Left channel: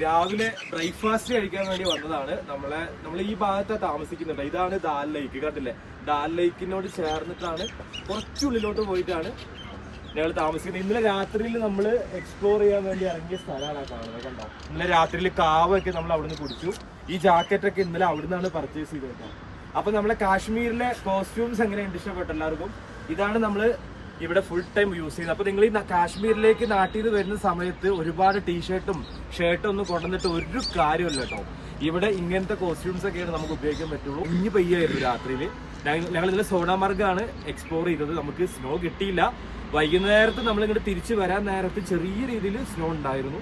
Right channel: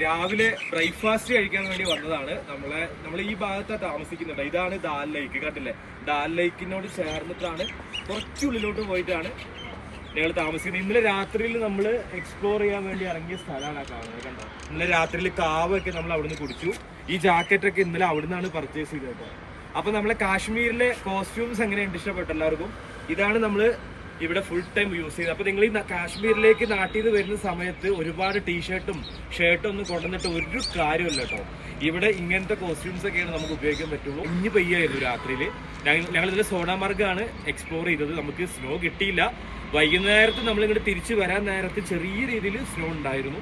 രാവിലെ ബ്രേക്ക്ഫാസ്റ്റ് കഴിക്കാൻ വേണ്ടി വന്നതാണ്. നമ്മൾ ഈ ഭാഗത്താണ് താമസിക്കുന്നുണ്ട്. ഇതാണ് ദാൽ ലേക്ക്, കണ്ടില്ലേ? ദാൽ ലേക്കിനോട് ചേർന്നിട്ടാണ് കുറച്ചുള്ളിലോട്ട് പോയിട്ടാണ് ഞങ്ങൾ താമസിക്കുന്നത്. ഇന്നലെ രാത്രിയിൽ നമ്മൾ എക്സ്പ്ലോർ ചെയ്യാൻ വേണ്ടി ഇറങ്ങിയ സ്ഥലമാണ് കാണുന്നത്, കണ്ടോ? ഇന്നലെ രാത്രിയിൽ കാവൊക്കെ നമ്മൾ അവിടുന്ന് കുടിച്ചു. ഈ ജാക്കറ്റൊക്കെ ഇന്നലെ അവിടുന്നാണ് പർച്ചേസ് ചെയ്തത് കേട്ടോ. അപ്പൊ നമ്മളെ കാശ്മീരിലെ കോസ്റ്റ്യൂംസ് എങ്ങനെയുണ്ട്? ഇഷ്ടപ്പെട്ട എല്ലാവർക്കും? ഇതാണ് നമ്മൾ ഇവിടെ ഫുൾ ടൈം യൂസ് ചെയ്യുന്നത്. അപ്പൊ നിങ്ങൾ ഈ കാശ്മീരിലേക്ക് നാട്ടിൽ നിന്ന് വരുന്ന സമയത്ത് ഒരുപാട് ടീഷർട്ടും ഷർട്ടും ഒന്നും കൊണ്ടുവന്നിട്ട് ഒരു കാര്യമില്ല കേട്ടോ. ഇവിടെ ഇങ്ങനത്തെ കോസ്റ്റ്യൂംസ് ഒക്കെയാണ് നമുക്ക് ഉപയോഗിക്കാൻ പറ്റുള്ളൂ. ഇനി പെയ്യായിരുന്നു രാത്രിയിൽ. ഞങ്ങൾ ഇതിൽ സോണാമാർഗാണ് എക്സ്പ്ലോർ ചെയ്തത്. നമുക്ക് സ്നോ കിട്ടിയില്ല. വൈകുന്നേരത്ത് നമ്മൾ ഇങ്ങോട്ട് തിരിച്ചു വരാൻ നേരത്ത് ചെറിയ രീതിയിൽ സ്നോ ഉണ്ടായിരുന്നു.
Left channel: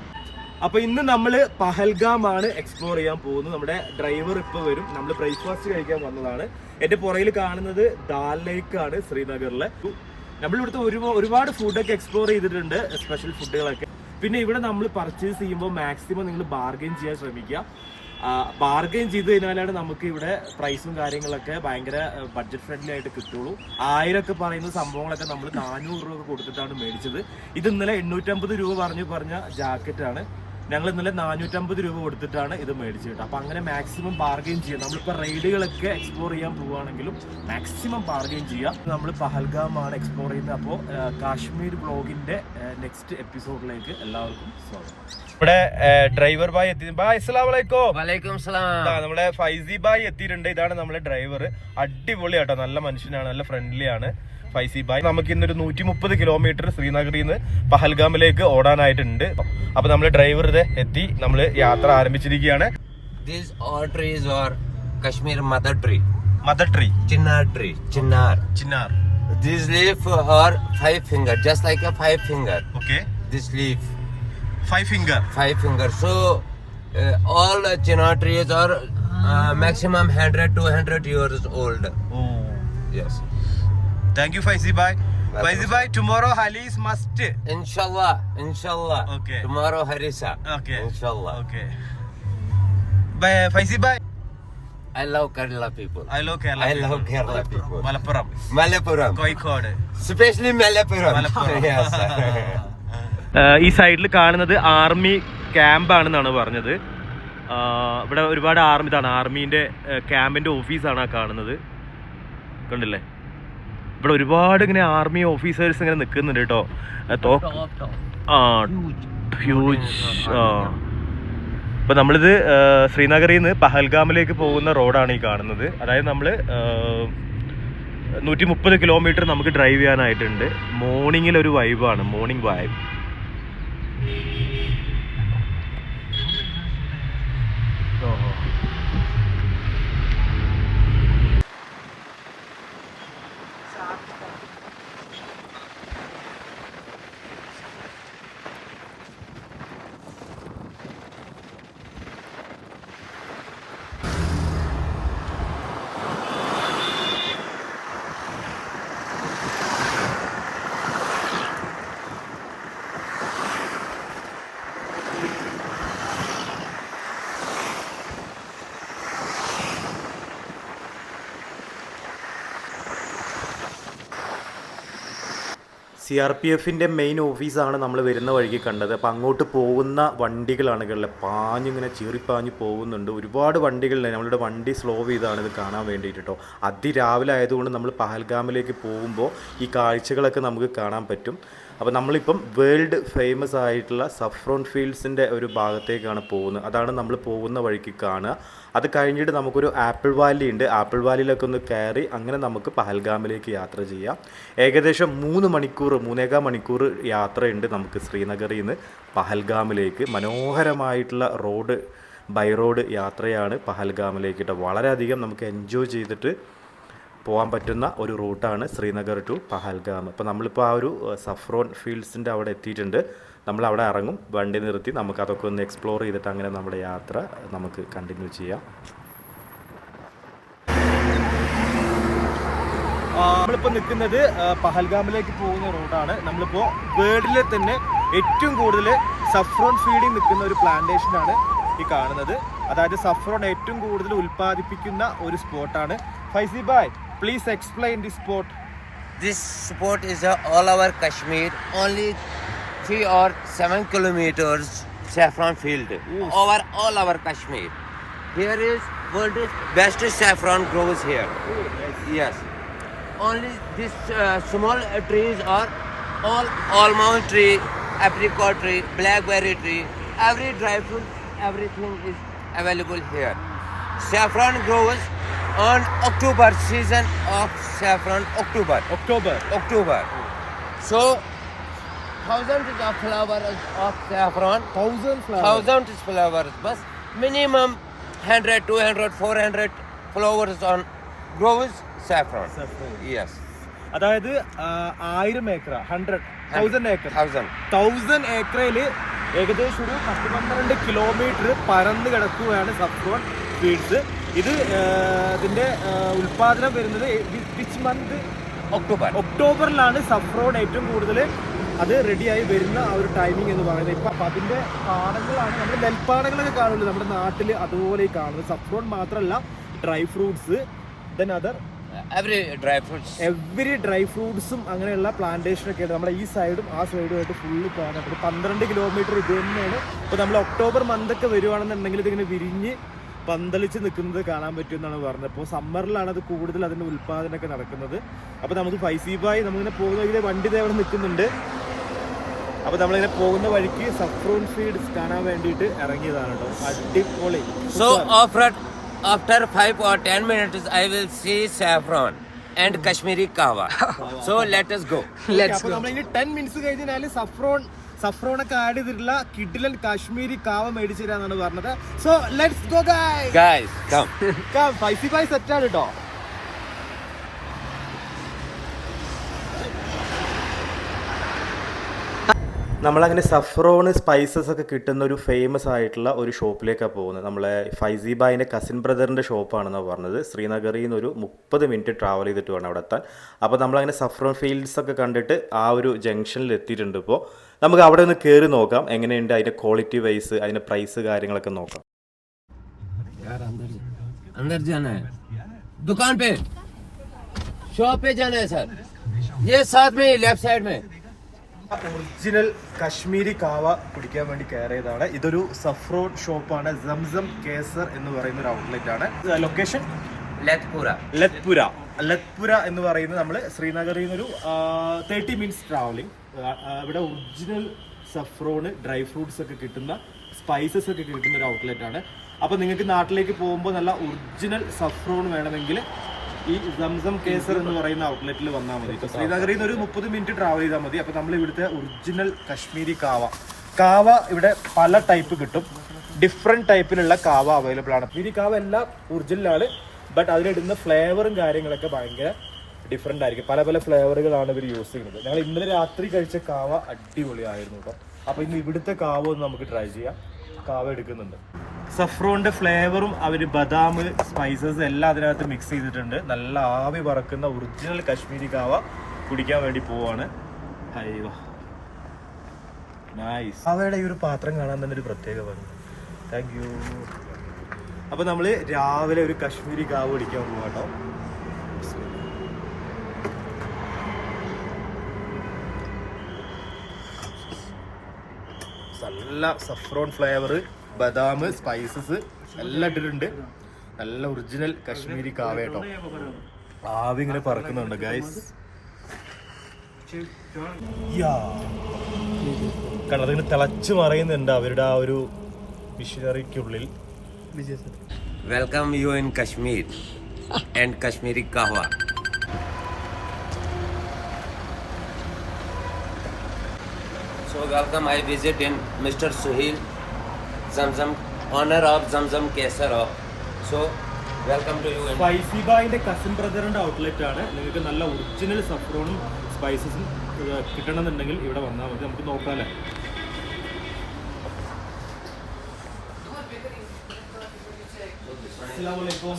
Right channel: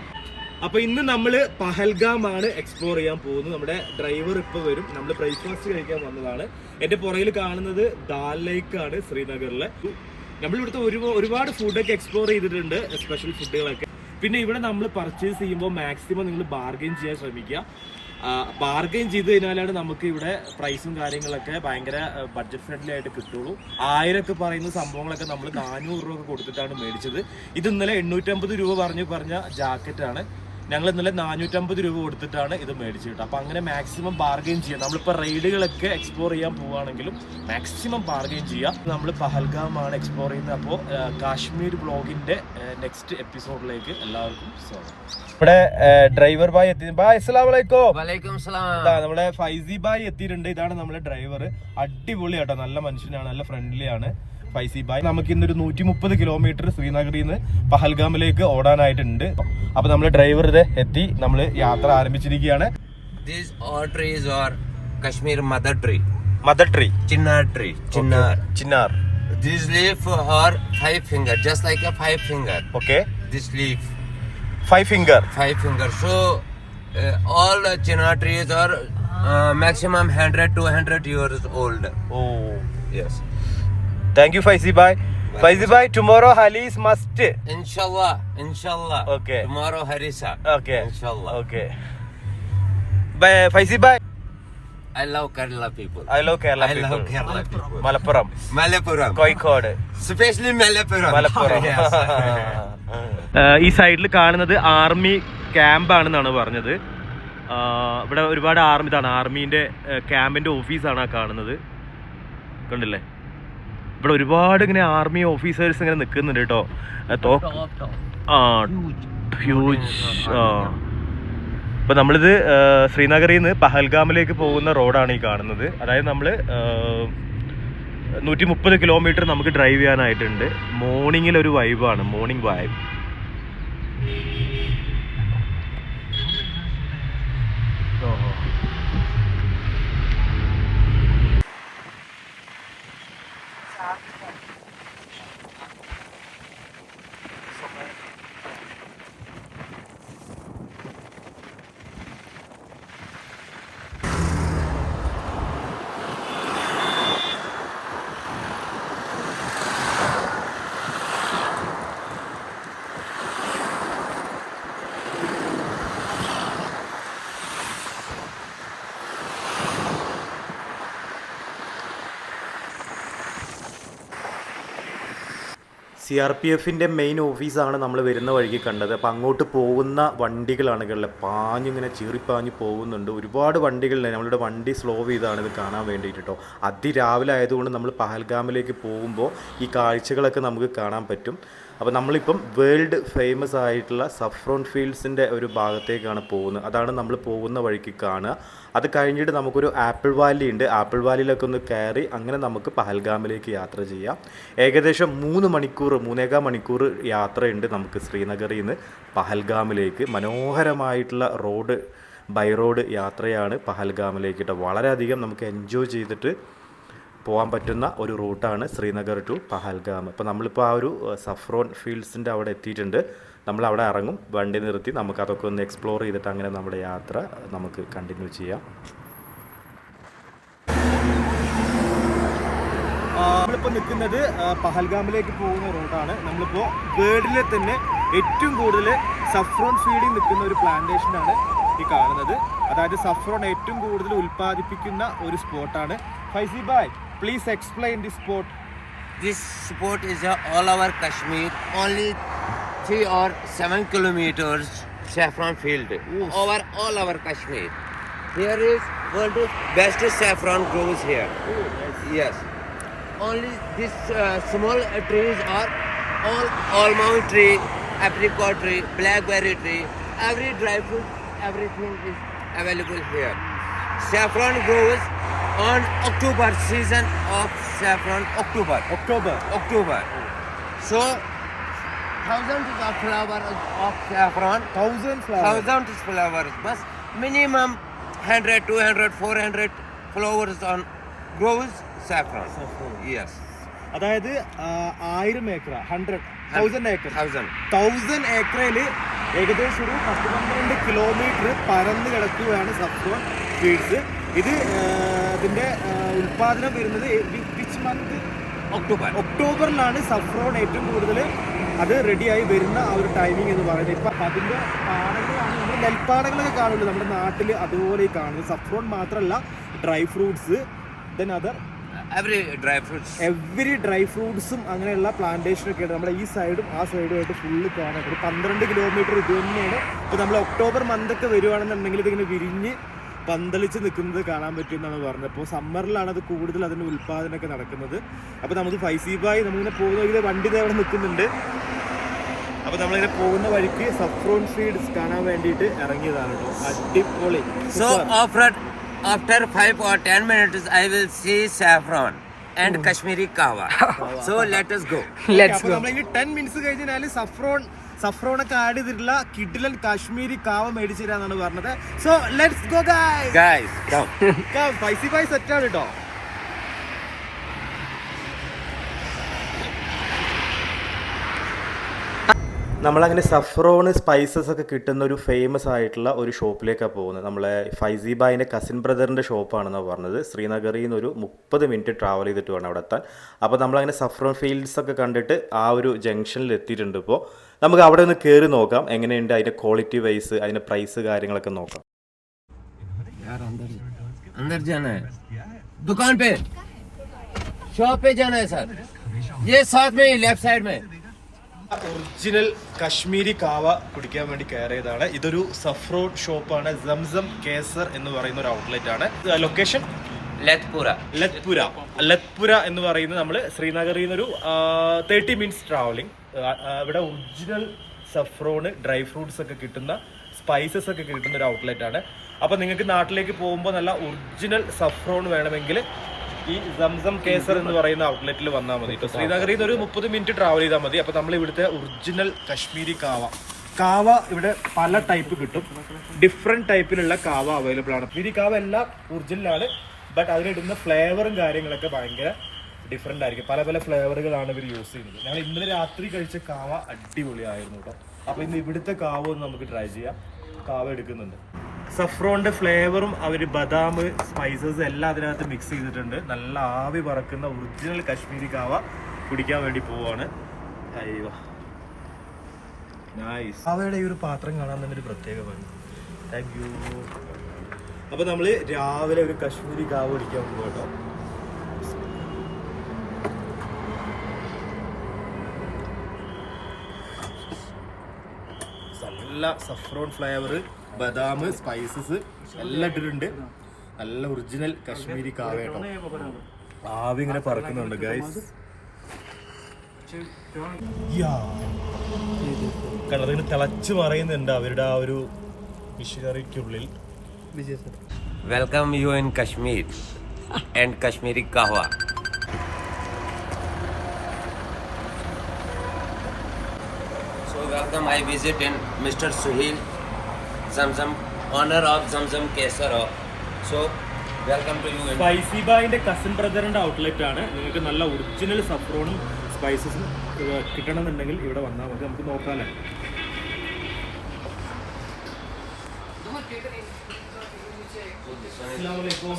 അപ്പൊ ഇന്ന് നമ്മൾ പഹൽഗാം ആണ് എക്സ്പ്ലോർ ചെയ്യാൻ പോകുന്നത്. നമ്മുടെ ഡ്രൈവർ ഇപ്പൊ വരും. നമ്മൾ ബ്രേക്ക്ഫാസ്റ്റ് കഴിക്കാൻ വന്നതാണ്. എന്റെ പുറകിൽ കാണുന്നത് ദാൽ ലേക്ക് ആണ്, ശ്രീനഗറിലെ. നമ്മളിവിടുത്തെ ഒരുപാട് ഫുഡൊക്കെ എക്സ്പ്ലോർ ചെയ്തിട്ടുണ്ട്, സ്പെഷ്യൽ ഫുഡുകളൊക്കെ. പിന്നെ ഇവിടെ നമ്മൾ പർച്ചേസ് ചെയ്യുമ്പോൾ മാക്സിമം നിങ്ങൾ ബാർഗെയിൻ ചെയ്യാൻ ശ്രമിക്കുക. ബാർഗെയിൻ ചെയ്ത് കഴിഞ്ഞാലാണ് നമുക്ക് ഇവിടെ പ്രൈസും കാര്യങ്ങളൊക്കെ ഭയങ്കര ബഡ്ജറ്റ് ഫ്രണ്ട്ലി ആയിട്ട് കിട്ടുള്ളൂ. 1000 ഒക്കെ പറയുന്ന സംഭവങ്ങളൊക്കെ നമ്മൾ 400 രൂപ കൊടുത്തിട്ടാണ് മേടിച്ചത്. ഇത് ഇന്നലെ 850 രൂപ പറഞ്ഞ ജാക്കറ്റാണ്. ഞങ്ങൾ ഇന്നലെ 450 രൂപ കൊടുത്തിട്ടാണ് ഇത് മേടിച്ചു കിട്ടുക. അപ്പൊ അങ്ങനെ മാക്സിമം ബാർഗെയിൻ ചെയ്യാം. നമ്മളിപ്പോൾ റൈഡുകളൊക്കെ എക്സ്പ്ലോർ ചെയ്യാൻ പോവുകയാണെങ്കിലും മാക്സിമം ബാർഗെയിൻ ചെയ്യാം. നമ്മൾ പഹൽഗാം ആണ് എക്സ്പ്ലോർ ചെയ്യുന്നത്. അപ്പോൾ കാശ്മീർ ബ്ലോഗിന്റെ നെക്സ്റ്റ് എപ്പിസോഡിലേക്ക് എല്ലാവർക്കും സ്വാഗതം. ഇവിടെ ഡ്രൈവർ ബായ് എത്തി. ബായ് അസ്സലാമു അലൈക്കും. വലൈക്കും സലാം. നമ്മളെ ഫൈസി ബായ് എത്തിയിട്ടുണ്ട്. ഇതാണ് നമ്മളെ ഡ്രൈവർ. അടിപൊളിയാട്ടോ, നല്ല മനുഷ്യനാണ്, നല്ല ഫ്രണ്ട്ലി ആണ് ഫൈസി ബായ്. നമുക്ക് ഇന്നൊരു 130 കിലോമീറ്റർ ശ്രീനഗറിൽ നിന്ന് പഹൽഗാമിലേക്ക് ഓടാനായിട്ടുണ്ട്. അപ്പൊ നമ്മള് ഡ്രൈവർ ഇത് എത്തി. നമ്മള് യാത്ര ആരംഭിച്ചിരിക്കുകയാണ്. These all trees are Kashmir mother tree. Mother tree. Chinar tree. Chinar. Chinar. These leaf are 5 finger, just like a 5 finger. Okay. This leaf. 5 finger. 5 finger. So all the chinar trees are maximum 100 to 100 years old. Oh. Yes. Thank you, Faizi bhai. Faizi bhai, tomorrow Halis must. Inshallah. Inshallah. Okay. Tomorrow Harisa. Okay. Inshallah. Okay. Bye, Faizi bhai. I love Kerala people. I love Kerala people. I love Kerala people. Malappuram. Malappuram. Kozhikode. Especially Malappuram. Malappuram. Yes. ഈ സൈഡിൽ കാണുന്നത് army camp ആണെന്നാണ് പറഞ്ഞത്. ഇവിടെ ഒരുപാട് ആർമീൻ്റെ ക്യാമ്പിൻ്റെ ഓഫീസാണ് ആ കാണുന്നത്, കണ്ടില്ലേ? ഇവിടെ ഒരുപാട് ഇങ്ങനെ ആർമി ഓഫീസേഴ്സ് ഇങ്ങനെ നിൽക്കുന്നുണ്ട് കേട്ടോ. ഹ്യൂജ്. ഇപ്പം നമ്മളിത് ശ്രീനഗറിൽ നിന്ന് പഹൽഗാമിലേക്ക് പോകുന്ന റോഡാണ് ഈ കാണുന്നത്. അതായത് നമ്മൾ 130 കിലോമീറ്റർ നമുക്ക് ഡ്രൈവ് ചെയ്യാനായിട്ടുണ്ട്. മോർണിംഗിലൊരു വൈബാണ്, മോർണിംഗ് വൈബ്. CRPFിൻ്റെ മെയിൻ ഓഫീസാണ് നമ്മൾ വരുന്ന വഴിക്ക് കണ്ടത്. അപ്പോൾ അങ്ങോട്ട് പോകുന്ന വണ്ടികളാണ് കണ്ടത്, പാഞ്ഞിങ്ങനെ ചീറിപ്പാഞ്ഞ് പോകുന്നുണ്ട്. ഒരുപാട് വണ്ടികളുണ്ട്. നമ്മളുടെ വണ്ടി സ്ലോ ചെയ്താണ് ഇത് കാണാൻ വേണ്ടിയിട്ട് കേട്ടോ. അതിരാവിലെ ആയതുകൊണ്ട് നമ്മൾ പഹൽഗാമിലേക്ക് പോകുമ്പോൾ ഈ കാഴ്ചകളൊക്കെ നമുക്ക് കാണാൻ പറ്റും. അപ്പോൾ നമ്മളിപ്പം വേൾഡ് ഫേമസ് ആയിട്ടുള്ള സഫ്രോൺ ഫീൽഡ്സിൻ്റെ ഒരു ഭാഗത്തേക്കാണ് പോകുന്നത്. അതാണ് നമ്മൾ പോകുന്ന വഴിക്ക് കാണുക. അത് കഴിഞ്ഞിട്ട് നമുക്കൊരു ആപ്പിൾ വാലി ഉണ്ട്. ആപ്പിൾ വാലിയിലൊക്കെ ഒന്ന് കയറി അങ്ങനെ നമുക്ക് പഹൽഗാമിലേക്ക് യാത്ര ചെയ്യാം. ഏകദേശം 3.5 മണിക്കൂർ യാത്രയുണ്ട് നമുക്ക് ശ്രീനഗറിൽ നിന്ന് പഹൽഗാമിലേക്ക്. മനോഹരമായിട്ടുള്ള റോഡ്, ബൈ റോഡ് യാത്രയാണ് പഹൽഗാമിലേക്ക് കേട്ടോ. വളരെയധികം നമുക്ക് എൻജോയ് ചെയ്തിട്ട് പോകാൻ പറ്റുന്ന ഒരു റൂട്ടാണ് ശ്രീനഗർ ടു പഹൽഗാം. അപ്പോൾ നമ്മളിപ്പോൾ ആ ഒരു സഫ്രോൺ ഫീൽഡ്സിൻ്റെ അവിടെ എത്തിയിട്ടുണ്ട്. നമ്മളവിടെ ഇറങ്ങും, വണ്ടി നിർത്തി നമുക്കതൊക്കെ ഒന്ന് എക്സ്പ്ലോർ ചെയ്തിട്ട് അങ്ങനെ നമ്മുടെ യാത്ര നമുക്ക് കണ്ടിന്യൂ ചെയ്യാം. നമ്മളിപ്പോൾ നിൽക്കുന്നത് പഹൽഗാമിലേക്ക് പോകുന്ന റോഡാണ്. നമ്മളിപ്പോൾ വേൾഡിലെ തന്നെ ഏറ്റവും കൂടുതൽ സഫ്രോൺ ഫീഡിങ് നിൽക്കുന്ന ഒരു പ്ലാന്റേഷനാണ് ഈ കാണുന്നത്. അതായത് സഫ്രോൺ ഏറ്റവും കൂടുതൽ ഉൽപ്പാദിപ്പിക്കുന്ന ഒരു സ്പോട്ടാണ്. Faizy bhai, please explain this spot. This spot is all over Kashmir, only 3 or 7 kilometers saffron field over all our Kashmir. Here is world's best saffron grows here. Yes. Only these small trees are all almond tree, apricot tree, blackberry tree, every dry fruit, everything is available here. Saffron grows on October, season of saffron, October. So thousands of flowers of saffron, 1000 flowers. thousands of flowers, but minimum 100, 200, 400 flowers on grows saffron. Saffron. Yes. അതായത് 1000 acre 1000 acre 1000. ഏക്കറിൽ ഏകദേശം ഒരു 10-12 kilometre പരന്ന് കിടക്കുകയാണ് saffron fields. ഇത് ഇതിന്റെ ഉൽപാദനം വരുന്നത് വിച്ച് മന്ത്? ഒക്ടോബറിലാണ് സഫ്രോൺ ഏറ്റവും കൂടുതൽ അത് റെഡിയായി വരുന്ന ആ ഒരു ടൈമിംഗ് എന്ന് പറയുന്നത്. ഇപ്പം അതിൻ്റെ പാടങ്ങളാണ് നമ്മൾ നെൽപ്പാടങ്ങളൊക്കെ കാണുമല്ലോ നമ്മുടെ നാട്ടിൽ, അതുപോലെ ഈ കാണുന്നത്. സഫ്രോൺ മാത്രമല്ല, dry fruits, then other every dry ഫ്രൂട്ട്സും അങ്ങനെയുള്ള പ്ലാന്റേഷനൊക്കെ ഉണ്ട് നമ്മുടെ ഈ സൈഡും ആ സൈഡും ആയിട്ട് ഫുള്ള് കാണാൻ പറ്റും. 12 കിലോമീറ്റർ ഇത് തന്നെയാണ്. ഇപ്പോൾ നമ്മൾ ഒക്ടോബർ മന്തൊക്കെ വരുവാണെന്നുണ്ടെങ്കിൽ ഇതിങ്ങനെ വിരിഞ്ഞ് പന്തളിച്ച് നിൽക്കുന്നത് കാണാൻ പറ്റും എന്നാണ് പറഞ്ഞത്. അപ്പോൾ സമ്മറിലാണ് അത് കൂടുതൽ അതിൻ്റെ ഉൽപ്പാദനമൊക്കെ നടക്കുന്നത്. അപ്പോൾ നമുക്ക് ഫൈസീബായി നമ്മളിങ്ങനെ പോകുന്ന വഴിയിൽ വണ്ടി അവിടെ നിൽക്കുന്നുണ്ട്. അപ്പോൾ നമ്മളിങ്ങനെ പോകുന്ന വഴിക്ക് സഫ്രോൺ ഫീൽഡ്സ് കാണാൻ വേണ്ടിയിട്ട് ഇറങ്ങിയതാണ് കേട്ടോ. അടിപൊളി. So after 5 or 10 minutes I will see saffron and Kashmiri kahwa. So let us go. അപ്പോൾ നമ്മളിങ്ങനെ 10 മിനിറ്റ്സ് കഴിഞ്ഞാൽ സഫ്രോണൊക്കെ ആഡ് ചെയ്തിട്ടുള്ള കിഡിലൻ കാശ്മീരി കാവ മേടിച്ചു തരാന്നാണ് പറഞ്ഞത്. So let's go Guys, come. ഫൈസീബായി സെറ്റാണ് കേട്ടോ. നമ്മളങ്ങനെ സഫ്രോണ് സ്പൈസസ് ഒക്കെ കിട്ടുന്ന ഒരു ഫേമസ് ആയിട്ടുള്ള ഒരു ഷോപ്പിലേക്കാണ് പോകുന്നത്. നമ്മളെ ഫൈസീബായിൻ്റെ കസിൻ ബ്രദറിൻ്റെ ഷോപ്പാണെന്നാണ് പറഞ്ഞത്. ശ്രീനഗറിൽ നിന്ന് ഒരു 30 മിനിറ്റ് ട്രാവൽ ചെയ്തിട്ട് വേണം അവിടെ എത്താൻ. അപ്പോൾ നമ്മളങ്ങനെ സഫ്രോൺ ഫീൽഡ്സ് ഒക്കെ കണ്ടിട്ട് ആ ഒരു ജംഗ്ഷനിൽ എത്തിയിട്ടുണ്ട്. ഇപ്പോൾ നമുക്ക് അവിടെ ഒന്ന് കയറി നോക്കാം എങ്ങനെയുണ്ട്, അതിൻ്റെ ക്വാളിറ്റി വൈസ്, അതിൻ്റെ പ്രൈസ് കാര്യങ്ങളൊക്കെ നോക്കാം. अंदर जाना है, दुकान पे, शॉप पे जाना है सर. ये साथ में लेफ्ट साइड में. ഒറിജിനൽ കശ്മീരി കാവ കുടിക്കാൻ വേണ്ടി കയറിയതാണ്. ഇതൊരു സഫ്രോൺ ഷോപ്പാണ്. സംസം കേസർ എന്ന് പറയുന്ന ഒരു ഔട്ട്ലെറ്റ് ആണ്. ലൊക്കേഷൻ ലത്പുര എന്ന് പറയുന്നത് നമ്മൾ ശ്രീനഗറിൽ നിന്നൊരു 30 മിനിറ്റ്സ് ട്രാവലിംഗ്. ഇവിടെ ഒറിജിനൽ സഫ്രോണ്, ഡ്രൈ ഫ്രൂട്ട്സ് ഒക്കെ കിട്ടുന്ന, സ്പൈസസ് ഒക്കെ കിട്ടുന്ന ഒരു ഔട്ട്ലെറ്റ് ആണ്. അപ്പോൾ നിങ്ങൾക്ക് നാട്ടിലേക്ക് പോകുമ്പോൾ നല്ല ഒറിജിനൽ സഫ്രോൺ വേണമെങ്കിൽ ഈ സംസം കേസർ എന്ന് പറയുന്ന ഔട്ട്ലെറ്റിൽ വന്നാൽ മതി. ഇപ്പോൾ ശ്രീനഗറിൽ നിന്ന് ഒരു 30 മിനിറ്റ് ട്രാവൽ ചെയ്താൽ മതി. അപ്പോൾ നമ്മൾ ഇവിടുത്തെ ഒറിജിനൽ കശ്മീരി കാവ ഇവിടെ പല ടൈപ്പ് കിട്ടും. ഡിഫറെൻറ്റ് ടൈപ്പിലുള്ള കാവ അവൈലബിൾ ആണ്. കശ്മീരി കാവ എല്ലാം ഒറിജിനലാണ്, ബട്ട് അതിലിടുന്ന ഫ്ലേവറും കാര്യങ്ങളൊക്കെ ഭയങ്കര ഡിഫറെൻ്റ് ആയിരിക്കും. പല പല ഫ്ലേവറുകളാണ് ഇവർ യൂസ് ചെയ്യുന്നത്. ഞങ്ങൾ ഇന്നലെ രാത്രി കഴിച്ച കാവ അടിപൊളിയായിരുന്നു കേട്ടോ. അപ്പോൾ ഇന്ന് ഇവിടുത്തെ കാവ ഒന്ന് നമുക്ക് ട്രൈ ചെയ്യാം. കാവ എടുക്കുന്നുണ്ട്. സഫ്രോണിൻ്റെ ഫ്ലേവറും അവർ ബദാം, സ്പൈസസ് എല്ലാം അതിനകത്ത് മിക്സ് ചെയ്തിട്ടുണ്ട്. നല്ല ആവി പറക്കുന്ന ഒറിജിനൽ കശ്മീരി കാവ കുടിക്കാൻ വേണ്ടി പോവാണ്. അയ്യോ നൈസ്. കാവയുടെ ഈ ഒരു പാത്രം കാണാൻ തന്നെ ഒരു പ്രത്യേക ഭംഗി. Thank you. അപ്പോൾ നമ്മൾ രാവിലെ ഒരു കശ്മീരി കാവ കുടിക്കാൻ പോകാം കേട്ടോ. നല്ല സഫ്രോൺ ഫ്ലേവർ, ബദാം, സ്പൈസസ് എല്ലാം ഇട്ടിട്ടുണ്ട്. നല്ല ഒറിജിനൽ കശ്മീരി കാവ കേട്ടോ. ആവി ഇങ്ങനെ പറക്കുന്നുണ്ട് ഗൈസ്. കാരണം അതിന് തിളച്ച് മറയുന്നുണ്ട് അവരുടെ ആ ഒരു മിഷനറിക്കുള്ളിൽ. Welcome you in Kashmir and Kashmiri kahwa. So welcome, I visit in Mr. Suhail, Zamzam, owner of Zamzam Kesar. So welcome to you. ഫൈസീബായിന്റെ കസിൻ ബ്രദറിന്റെ ഔട്ട്ലെറ്റ് ആണ്. നിങ്ങൾക്ക് നല്ല ഒറിജിനൽ സഫ്രോണും സ്പൈസസും കിട്ടണമെന്നുണ്ടെങ്കിൽ ഇവിടെ വന്നാൽ മതി. നമുക്ക് നോക്കാമല്ലേ. Assalamualaikum.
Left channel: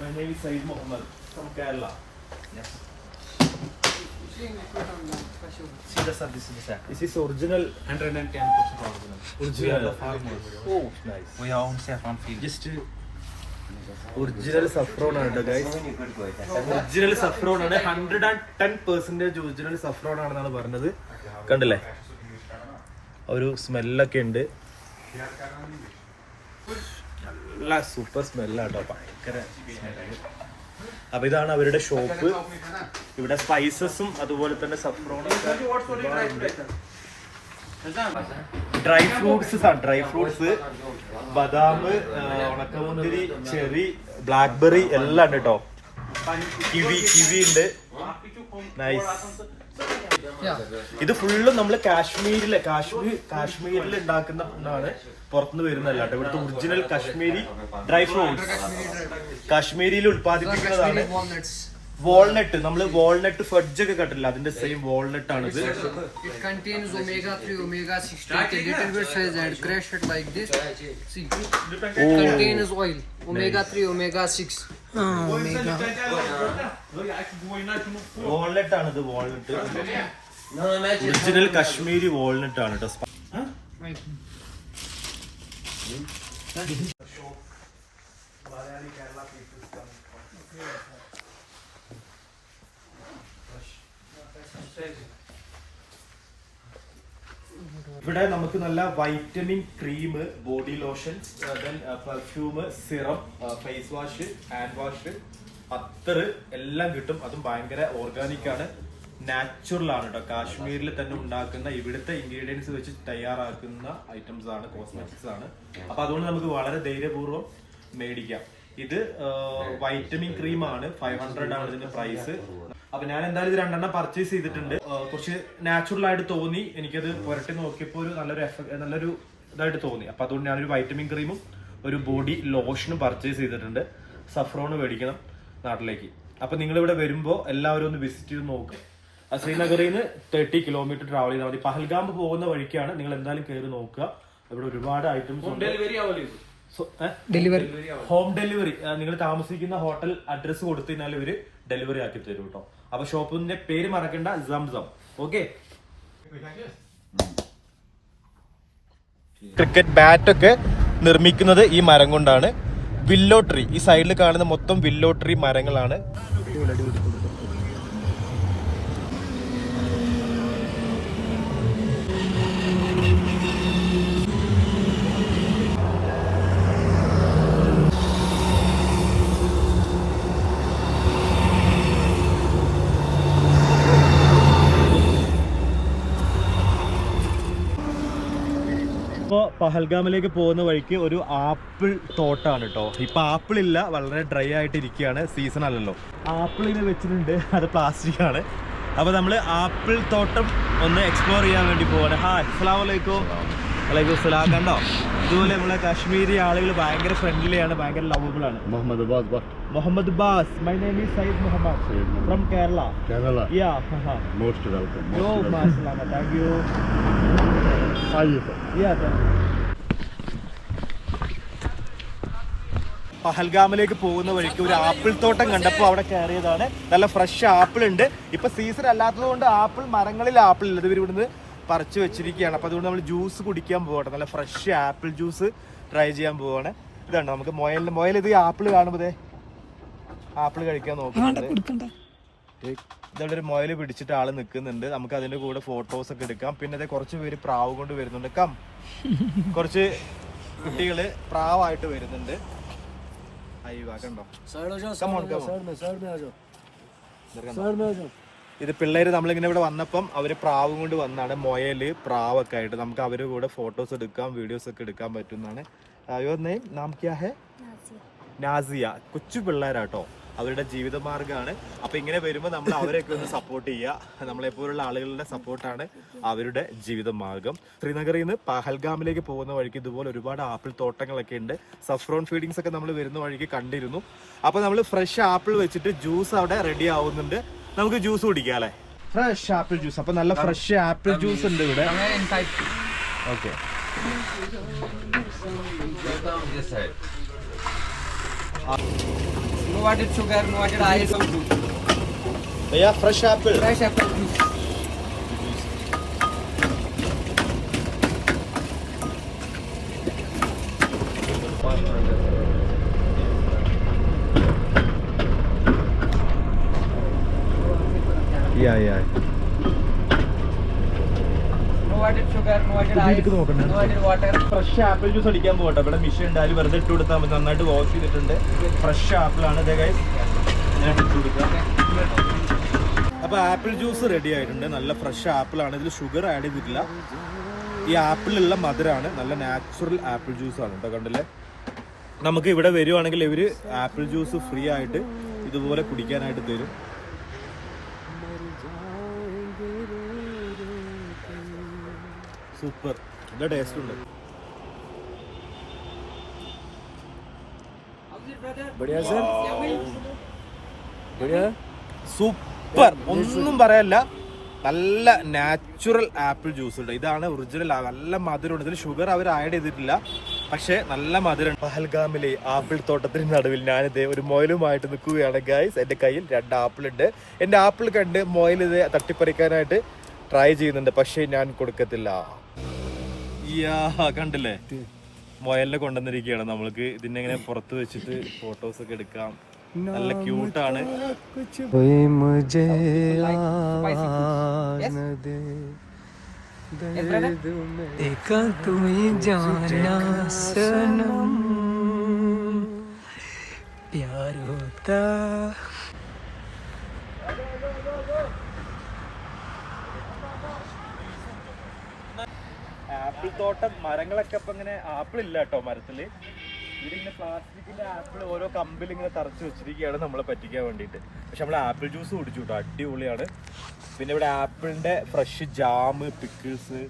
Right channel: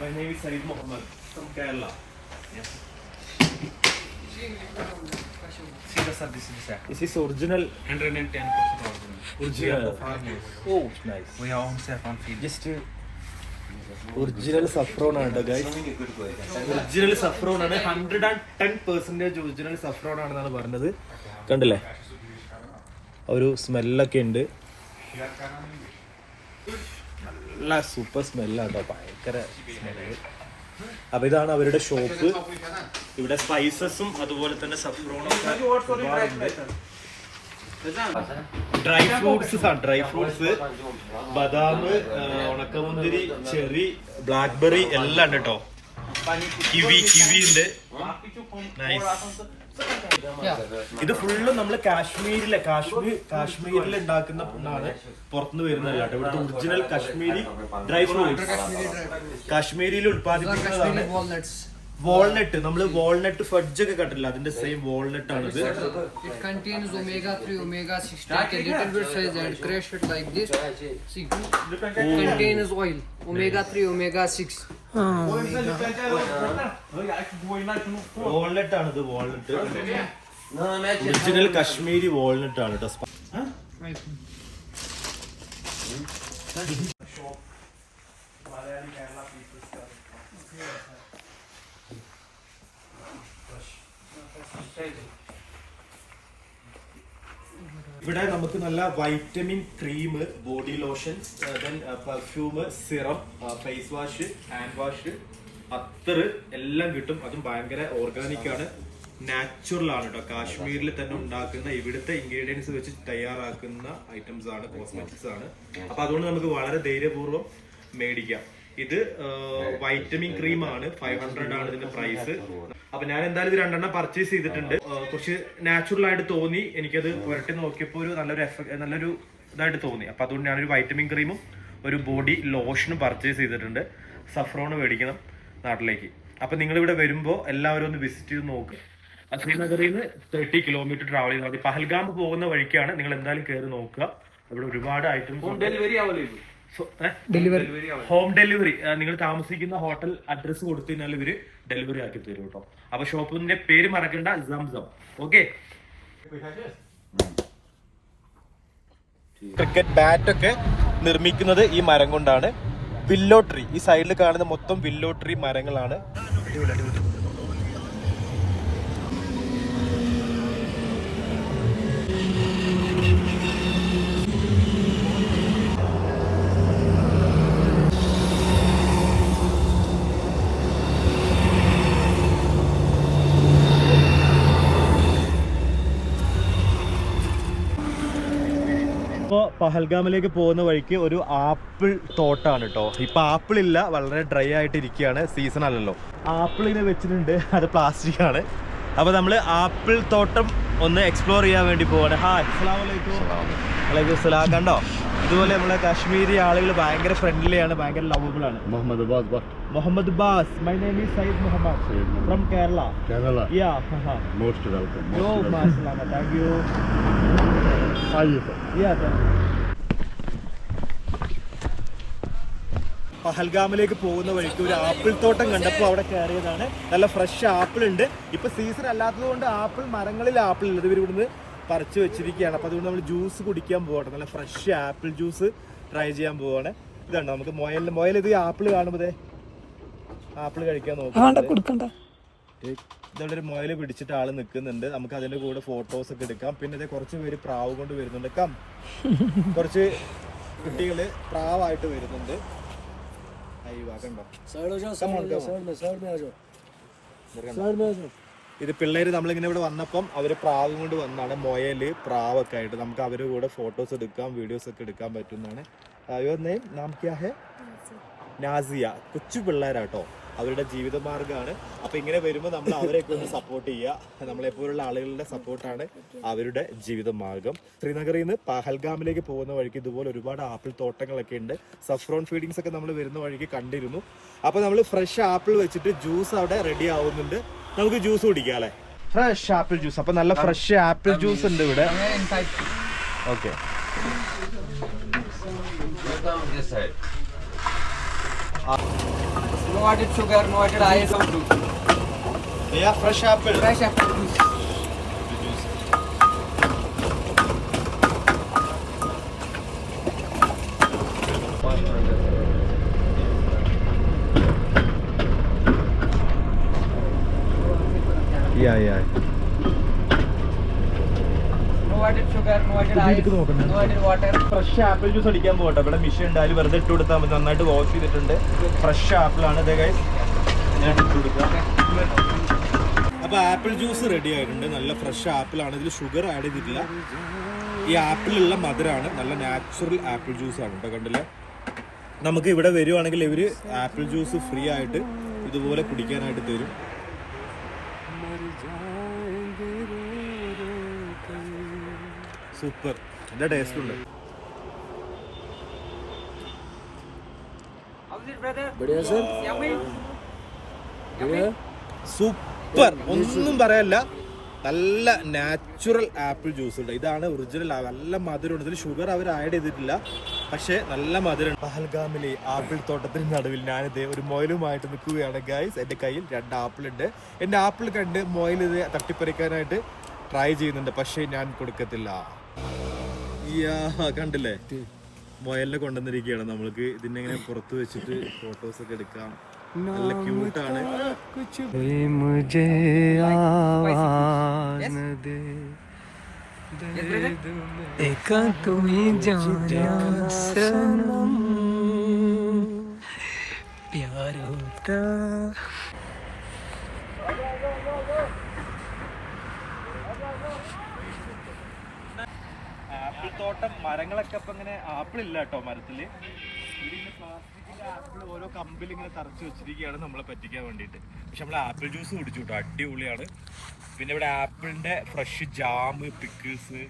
My name is Saeed Mohammed from Kerala. Yes. This is original. 110% original. Original. The farmers. Oh, nice. We own saffron field. Just original saffron ആണ് ഗൈസ്. ഒറിജിനൽ സഫ്രോൺ ആണ്. 110% ഒറിജിനൽ സഫ്രോൺ ആണെന്നാണ് പറഞ്ഞത്. കണ്ടില്ലേ, ഒരു സ്മെല്ലൊക്കെ ഉണ്ട്. നല്ല സൂപ്പർ സ്മെല്ലാട്ടോ, ഭയങ്കര സ്മെല്ല്. അപ്പൊ ഇതാണ് അവരുടെ ഷോപ്പ്. ഇവിടെ സ്പൈസസും അതുപോലെ തന്നെ സഫ്രോണും ഒരുപാടുണ്ട്. ഡ്രൈ ഫ്രൂട്ട്സ് ബദാം, ഉണക്കമുന്തിരി, ചെറി, ബ്ലാക്ക്ബെറി എല്ലാം ഉണ്ട് കേട്ടോ. കിവി ഉണ്ട്. നൈസ്. ഇത് ഫുള്ളും നമ്മള് കാശ്മീരിൽ ഉണ്ടാക്കുന്ന ഫുഡാണ്, പുറത്തുനിന്ന് വരുന്നതല്ല കേട്ടോ. ഇവിടുത്തെ ഒറിജിനൽ കാശ്മീരി ഡ്രൈ ഫ്രൂട്ട്സ് കാശ്മീരിയിൽ ഉത്പാദിപ്പിക്കുന്നതാണ്. വാൾനട്ട്, നമ്മള് വാൾനട്ട് ഫഡ്ജ് ഒക്കെ കണ്ടില്ല, അതിന്റെ സെയിം വാൾനട്ട് ആണിത്. It contains omega-3, omega-6 take a little bit size and crush it like this. See, it contains oil, omega-3, omega-6. Walnut ആണിത്, വാൾനട്ട് ഒറിജിനൽ കാശ്മീരി വാൾനട്ട് ആണ് കേട്ടോ. ഇവിടെ നമുക്ക് നല്ല vitamin cream, body lotion, perfume, serum, face wash, hand wash, അത്തർ എല്ലാം കിട്ടും. അതും ഭയങ്കര ഓർഗാനിക് ആണ്, നാച്ചുറൽ ആണ് കേട്ടോ. കാശ്മീരിൽ തന്നെ ഉണ്ടാക്കുന്ന ഇവിടുത്തെ ഇൻഗ്രീഡിയൻസ് വെച്ച് തയ്യാറാക്കുന്ന ഐറ്റംസ് ആണ്, കോസ്മെറ്റിക്സ് ആണ്. അപ്പൊ അതുകൊണ്ട് നമുക്ക് വളരെ ധൈര്യപൂർവ്വം മേടിക്കാം. ഇത് വൈറ്റമിൻ ക്രീം ആണ്, 500 ആണ് ഇതിന്റെ പ്രൈസ്. അപ്പൊ ഞാൻ എന്തായാലും ഇത് 2 പർച്ചേസ് ചെയ്തിട്ടുണ്ട്. കുറച്ച് നാച്ചുറൽ ആയിട്ട് തോന്നി എനിക്കത്. പുരട്ടി നോക്കിയപ്പോൾ ഒരു നല്ലൊരു ഇതായിട്ട് തോന്നി. അപ്പൊ അതുകൊണ്ട് ഞാനൊരു വൈറ്റമിൻ ക്രീമും ഒരു ബോഡി ലോഷനും പർച്ചേസ് ചെയ്തിട്ടുണ്ട്. സഫ്രോണ് മേടിക്കണം നാട്ടിലേക്ക്. അപ്പൊ നിങ്ങൾ ഇവിടെ വരുമ്പോൾ എല്ലാവരും ഒന്ന് വിസിറ്റ് ചെയ്ത് നോക്കുക. ശ്രീനഗറിൽ നിന്ന് 30 കിലോമീറ്റർ ട്രാവൽ ചെയ്താൽ മതി. പഹൽഗാം പോകുന്ന വഴിക്കാണ്, നിങ്ങൾ എന്തായാലും കയറി നോക്കുക. ഇവിടെ ഒരുപാട് ഐറ്റംസ് ഉണ്ട്. ഹോം ഡെലിവറി, നിങ്ങൾ താമസിക്കുന്ന ഹോട്ടൽ അഡ്രസ് കൊടുത്തു കഴിഞ്ഞാൽ ഇവര് ഡെലിവറി ആക്കി തരും കേട്ടോ. അപ്പൊ ഷോപ്പിന്റെ പേര് മറക്കണ്ട, സംസം. ഓക്കെ. ക്രിക്കറ്റ് ബാറ്റ് ഒക്കെ നിർമ്മിക്കുന്നത് ഈ മരം കൊണ്ടാണ്. വില്ലോ ട്രീ, ഈ സൈഡിൽ കാണുന്ന മൊത്തം വില്ലോ ട്രീ മരങ്ങളാണ്. ഇപ്പോൾ പഹൽഗാമിലേക്ക് പോകുന്ന വഴിക്ക് ഒരു ആപ്പിൾ തോട്ടാണ് കേട്ടോ. ഇപ്പൊ ആപ്പിൾ ഇല്ല, വളരെ ഡ്രൈ ആയിട്ട് ഇരിക്കുകയാണ്, സീസൺ അല്ലല്ലോ. ആപ്പിളിനെ വെച്ചിട്ടുണ്ട്, അത് പ്ലാസ്റ്റിക് ആണ്. അപ്പൊ നമ്മള് ആപ്പിൾ തോട്ടം ഒന്ന് എക്സ്പ്ലോർ ചെയ്യാൻ വേണ്ടി പോവാണ്. ഹായ്, അസ്സലാമു അലൈക്കും. വലൈക്കും സലാം. കണ്ടോ, ഇതുപോലെ നമ്മളെ കാശ്മീരി ആളുകൾ ഭയങ്കര ഫ്രണ്ട്ലി ആണ്, ഭയങ്കര ലവബിൾ ആണ്. Muhammad Abbas. My name is Said Muhammad from Kerala. Yeah. Most welcome. Yo, mashallah. Thank you. Yeah. പഹൽഗാമിലേക്ക് പോകുന്ന വഴിക്ക് ഒരു ആപ്പിൾ തോട്ടം കണ്ടപ്പോൾ അവിടെ കയറിയതാണ്. നല്ല ഫ്രഷ് ആപ്പിൾ ഉണ്ട്. ഇപ്പൊ സീസൺ അല്ലാത്തത് കൊണ്ട് ആപ്പിൾ മരങ്ങളിൽ ആപ്പിൾ ഇല്ല, ഇവർ ഇവിടുന്ന് പറിച്ചു വെച്ചിരിക്കുകയാണ്. അപ്പൊ അതുകൊണ്ട് നമ്മൾ ജ്യൂസ് കുടിക്കാൻ പോകട്ടെ. നല്ല ഫ്രഷ് ആപ്പിൾ ജ്യൂസ് ട്രൈ ചെയ്യാൻ പോവാണ്. ഇതാണ് നമുക്ക് മൊയൽ ഇത് ആപ്പിൾ കാണുമ്പോഴേ ആപ്പിൾ കഴിക്കാൻ നോക്കുന്നുണ്ട്. ഇതവിടെ ഒരു മൊയൽ പിടിച്ചിട്ട് ആള് നിൽക്കുന്നുണ്ട്. നമുക്ക് അതിന്റെ കൂടെ ഫോട്ടോസ് ഒക്കെ എടുക്കാം. പിന്നെ അതെ കുറച്ച് പേര് പ്രാവ് കൊണ്ട് വരുന്നുണ്ട്. കുറച്ച് കുട്ടികള് പ്രാവായിട്ട് വരുന്നുണ്ട്. ഇത് പിള്ളേര് നമ്മളിങ്ങനെ ഇവിടെ വന്നപ്പം അവര് പ്രാവ് കൊണ്ട് വന്നാണ്. മൊയല്, പ്രാവൊക്കെ ആയിട്ട് നമുക്ക് അവരുടെ കൂടെ ഫോട്ടോസ് എടുക്കാം, വീഡിയോസ് ഒക്കെ എടുക്കാൻ പറ്റുന്നതാണ്. നാം ക്യാ ഹെ? നാസിയ. കൊച്ചു പിള്ളേരാട്ടോ, അവരുടെ ജീവിതമാർഗ്ഗമാണ്. അപ്പൊ ഇങ്ങനെ വരുമ്പോൾ നമ്മൾ അവരെയൊക്കെ ഒന്ന് സപ്പോർട്ട് ചെയ്യുക. നമ്മളെപ്പോലുള്ള ആളുകളുടെ സപ്പോർട്ടാണ് അവരുടെ ജീവിതമാർഗം. ശ്രീനഗറിൽ നിന്ന് പഹൽഗാമിലേക്ക് പോകുന്ന വഴിക്ക് ഇതുപോലെ ഒരുപാട് ആപ്പിൾ തോട്ടങ്ങളൊക്കെ ഉണ്ട്. സഫ്രോൺ ഫീഡിങ്സ് ഒക്കെ നമ്മൾ വരുന്ന വഴിക്ക് കണ്ടിരുന്നു. അപ്പൊ നമ്മൾ ഫ്രഷ് ആപ്പിൾ വെച്ചിട്ട് ജ്യൂസ് അവിടെ റെഡി ആവുന്നുണ്ട്. നമുക്ക് ജ്യൂസ് കുടിക്കാം അല്ലെ? Fresh apple juice. അപ്പൊ നല്ല ഫ്രഷ് ആപ്പിൾ ജ്യൂസ് ഉണ്ട് ഇവിടെ. Okay. No added sugar, no added ice or juice. Yeah, fresh apple. Fresh apple juice. Yeah. No added sugar, no fresh apple juice അടിക്കാൻ പോകട്ടെ. ഇവിടെ മിഷൻ ഉണ്ടായാലും വെറുതെ ഇട്ട് കൊടുത്താൽ മതി. നന്നായിട്ട് വാഷ് ചെയ്തിട്ടുണ്ട്. ഫ്രഷ് ആപ്പിളാണ് ഇത് ഗൈസ്. ഞാൻ ഇട്ട് കൊടുക്കാം. അപ്പോൾ ആപ്പിൾ ജ്യൂസ് റെഡി ആയിട്ടുണ്ട്. നല്ല ഫ്രഷ് ആപ്പിളാണ്. ഇതിൽ ഷുഗർ ആഡ് ചെയ്തിട്ടില്ല. ഈ ആപ്പിളിലുള്ള മധുരമാണ്. നല്ല നാച്ചുറൽ ആപ്പിൾ ജ്യൂസ് ആണ് കേട്ടോ. കണ്ടില്ലേ? നമുക്ക് ഇവിടെ വരുവാണെങ്കിൽ ഇവർ ആപ്പിൾ ജ്യൂസ് ഫ്രീ ആയിട്ട് ഇതുപോലെ കുടിക്കാനായിട്ട് തരും. സൂപ്പർ. നല്ല ടേസ്റ്റ് ഉണ്ട്. സൂപ്പർ, ഒന്നും പറയല്ല. നല്ല നാച്ചുറൽ ആപ്പിൾ ജ്യൂസ് ഉണ്ട്. ഇതാണ് ഒറിജിനൽ. നല്ല മധുരമുണ്ട്. ഇതിൽ ഷുഗർ അവർ ആഡ് ചെയ്തിട്ടില്ല, പക്ഷെ നല്ല മധുരം. പഹൽഗാമിലെ ആപ്പിൾ തോട്ടത്തിന് നടുവിൽ ഞാനിത് ഒരു മൊയിലുമായിട്ട് നിൽക്കുകയാണ് ഗൈസ്. എൻ്റെ കയ്യിൽ 2 ആപ്പിൾ ഉണ്ട്. എൻ്റെ ആപ്പിൾ കണ്ട് മൊയിൽ ഇത് തട്ടിപ്പറിക്കാനായിട്ട് ട്രൈ ചെയ്യുന്നുണ്ട്, പക്ഷെ ഞാൻ കൊടുക്കത്തില്ല. കണ്ടില്ലേ, മൊയലിനെ കൊണ്ടുവന്നിരിക്കുകയാണ്. നമ്മൾക്ക് ഇതിനെ ഇങ്ങനെ പുറത്ത് വെച്ചിട്ട് ഫോട്ടോസ് ഒക്കെ എടുക്കാം. നല്ല ക്യൂട്ടാണ്. ആപ്പിൾ തോട്ടം, മരങ്ങളൊക്കെ ഇപ്പൊ ഇങ്ങനെ ആപ്പിൾ ഇല്ല കേട്ടോ മരത്തില്. ഇതിങ്ങനെ പ്ലാസ്റ്റിക്കിന്റെ ആപ്പിൾ ഓരോ കമ്പിൽ ഇങ്ങനെ തറച്ചു വെച്ചിരിക്കുകയാണ് നമ്മളെ പറ്റിക്കാൻ വേണ്ടിയിട്ട്. പക്ഷെ നമ്മൾ ആപ്പിൾ ജ്യൂസ് കുടിച്ചു കേട്ടോ, അടിപൊളിയാണ്. പിന്നെ ഇവിടെ ആപ്പിളിന്റെ ഫ്രഷ് ജാം, പിക്കിൾസ്,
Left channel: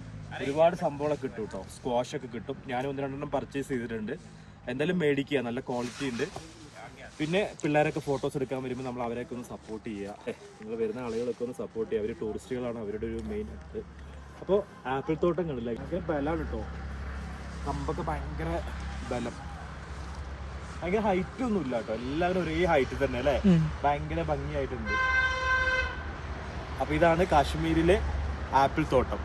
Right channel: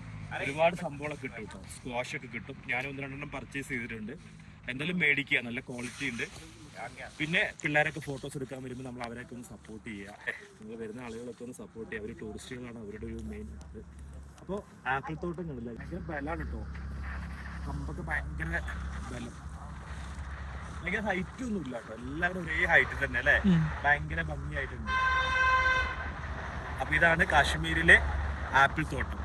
ഒരുപാട് സംഭവങ്ങളൊക്കെ കിട്ടും കേട്ടോ. സ്ക്വാഷ് ഒക്കെ കിട്ടും. ഞാൻ 1-2 പർച്ചേസ് ചെയ്തിട്ടുണ്ട്. എന്തായാലും മേടിക്കുക, നല്ല ക്വാളിറ്റി ഉണ്ട്. പിന്നെ പിള്ളേരൊക്കെ ഫോട്ടോസ് എടുക്കാൻ വരുമ്പോൾ നമ്മൾ അവരെയൊക്കെ ഒന്ന് സപ്പോർട്ട് ചെയ്യുക. നിങ്ങൾ വരുന്ന ആളുകളൊക്കെ ഒന്ന് സപ്പോർട്ട് ചെയ്യുക. അവർ ടൂറിസ്റ്റുകളാണ്, അവരുടെ ഒരു മെയിൻ ഇത്. അപ്പോൾ ആപ്പിൾ തോട്ടം കണ്ടില്ല, ഭയങ്കര ബലമാണ് കേട്ടോ. കമ്പൊക്കെ ഭയങ്കര ബലം. ഭയങ്കര ഹൈറ്റ് ഒന്നും ഇല്ല കേട്ടോ. എല്ലാവരും ഒരേ ഹൈറ്റ് തന്നെ അല്ലേ. ഭയങ്കര ഭംഗിയായിട്ടുണ്ട്. അപ്പൊ ഇതാണ് കാശ്മീരിലെ ആപ്പിൾ തോട്ടം.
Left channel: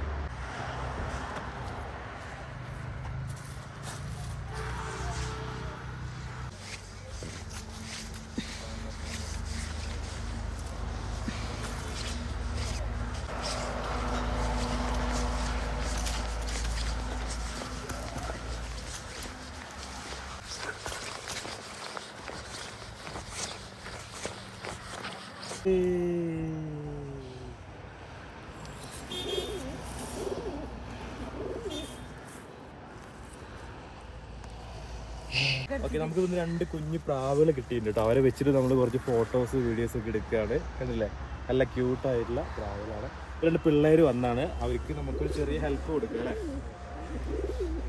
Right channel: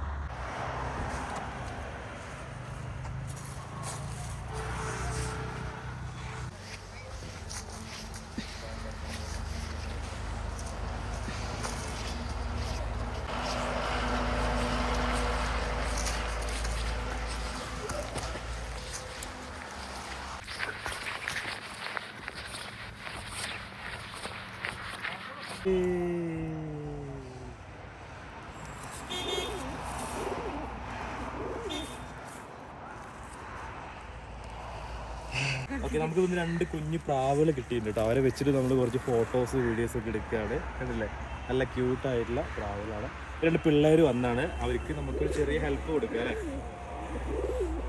ഓക്കെ, നമുക്ക് ഇന്ന് 2 കുഞ്ഞു പ്രാവുകൾ കിട്ടിയിട്ടുണ്ട് കേട്ടോ. അവരെ വെച്ചിട്ട് നമ്മൾ കുറച്ച് ഫോട്ടോസ്, വീഡിയോസ് ഒക്കെ എടുക്കുകയാണ്. കണ്ടില്ലേ, നല്ല ക്യൂട്ടായിട്ടുള്ള പ്രാവുകളാണ്. 2 പിള്ളേർ വന്നാണ്. അവർക്ക് നമുക്കൊരു ചെറിയ ഹെൽപ്പ് കൊടുക്കുക അല്ലേ.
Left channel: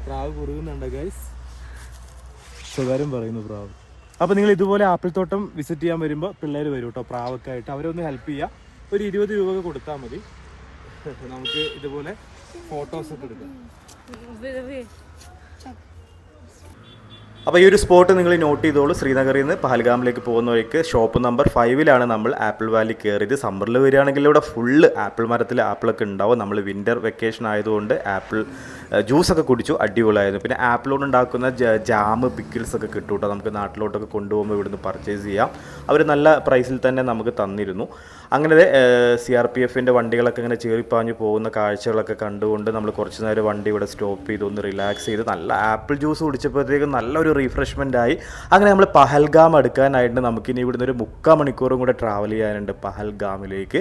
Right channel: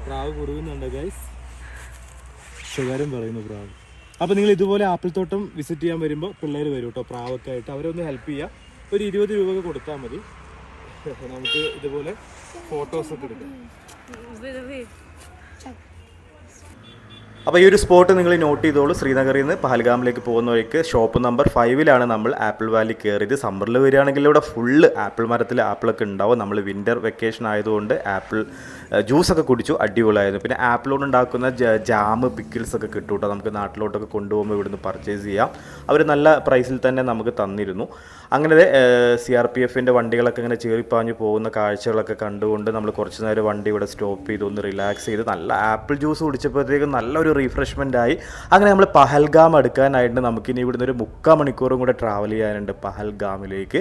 പ്രാവ് കുറുകുന്നുണ്ട് ഗൈസ്. ശകാരം പറയുന്നു പ്രാവ്. അപ്പോൾ നിങ്ങൾ ഇതുപോലെ ആപ്പിൾ തോട്ടം വിസിറ്റ് ചെയ്യാൻ വരുമ്പോൾ പിള്ളേർ വരും കേട്ടോ, പ്രാവൊക്കെ ആയിട്ട്. അവരൊന്ന് ഹെൽപ്പ് ചെയ്യുക. ഒരു 20 രൂപ കൊടുത്താൽ മതി. നമുക്ക് ഇതുപോലെ ഫോട്ടോസൊക്കെ എടുക്കാം. അപ്പോൾ ഈ ഒരു സ്പോട്ട് നിങ്ങൾ നോട്ട് ചെയ്തോളൂ. ശ്രീനഗറിൽ നിന്ന് പഹൽഗാമിലേക്ക് പോകുന്ന വഴിക്ക് ഷോപ്പ് നമ്പർ 5 നമ്മൾ ആപ്പിൾ വാലി കയറിയത്. സമ്മറിൽ വരികയാണെങ്കിൽ ഇവിടെ ഫുള്ള് ആപ്പിൾ മരത്തിൽ ആപ്പിളൊക്കെ ഉണ്ടാവും. നമ്മൾ വിൻ്റർ വെക്കേഷൻ ആയതുകൊണ്ട് ആപ്പിൾ ജ്യൂസൊക്കെ കുടിച്ചു, അടിപൊളിയായിരുന്നു. പിന്നെ ആപ്പിൾ കൊണ്ട് ഉണ്ടാക്കുന്ന ജാം, പിക്കിൾസ് ഒക്കെ കിട്ടും കേട്ടോ. നമുക്ക് നാട്ടിലോട്ടൊക്കെ കൊണ്ടുപോകുമ്പോൾ ഇവിടുന്ന് പർച്ചേസ് ചെയ്യാം. അവർ നല്ല പ്രൈസിൽ തന്നെ നമുക്ക് തന്നിരുന്നു. അങ്ങനെ CRPFൻ്റെ വണ്ടികളൊക്കെ ഇങ്ങനെ ചേറിപ്പാഞ്ഞ് പോകുന്ന കാഴ്ചകളൊക്കെ കണ്ടുകൊണ്ട് നമ്മൾ കുറച്ച് നേരം വണ്ടി ഇവിടെ സ്റ്റോപ്പ് ചെയ്ത് ഒന്ന് റിലാക്സ് ചെയ്ത് നല്ല ആപ്പിൾ ജ്യൂസ് കുടിച്ചപ്പോഴത്തേക്കും നല്ലൊരു റീഫ്രഷ്മെൻ്റ് ആയി. അങ്ങനെ നമ്മൾ പഹൽഗാം എടുക്കാനായിട്ട് നമുക്കിനി ഇവിടുന്ന് ഒരു 3/4 മണിക്കൂറും കൂടെ ട്രാവൽ ചെയ്യാനുണ്ട് പഹൽഗാമിലേക്ക്.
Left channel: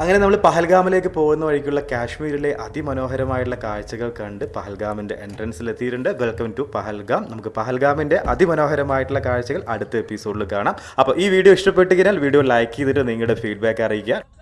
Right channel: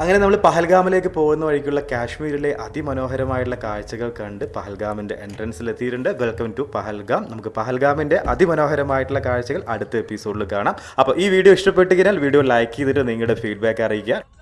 അങ്ങനെ നമ്മൾ പഹൽഗാമിലേക്ക് പോകുന്ന വഴിക്കുള്ള കാശ്മീരിലെ അതിമനോഹരമായിട്ടുള്ള കാഴ്ചകൾ കണ്ട് പഹൽഗാമിൻ്റെ എൻട്രൻസിൽ എത്തിയിട്ടുണ്ട്. Welcome to Pahalgam. നമുക്ക് പഹൽഗാമിൻ്റെ അതിമനോഹരമായിട്ടുള്ള കാഴ്ചകൾ അടുത്ത എപ്പിസോഡിൽ കാണാം. അപ്പോൾ ഈ വീഡിയോ ഇഷ്ടപ്പെട്ട് കഴിഞ്ഞാൽ വീഡിയോ ലൈക്ക് ചെയ്തിട്ട് നിങ്ങളുടെ ഫീഡ്ബാക്ക് അറിയിക്കുക.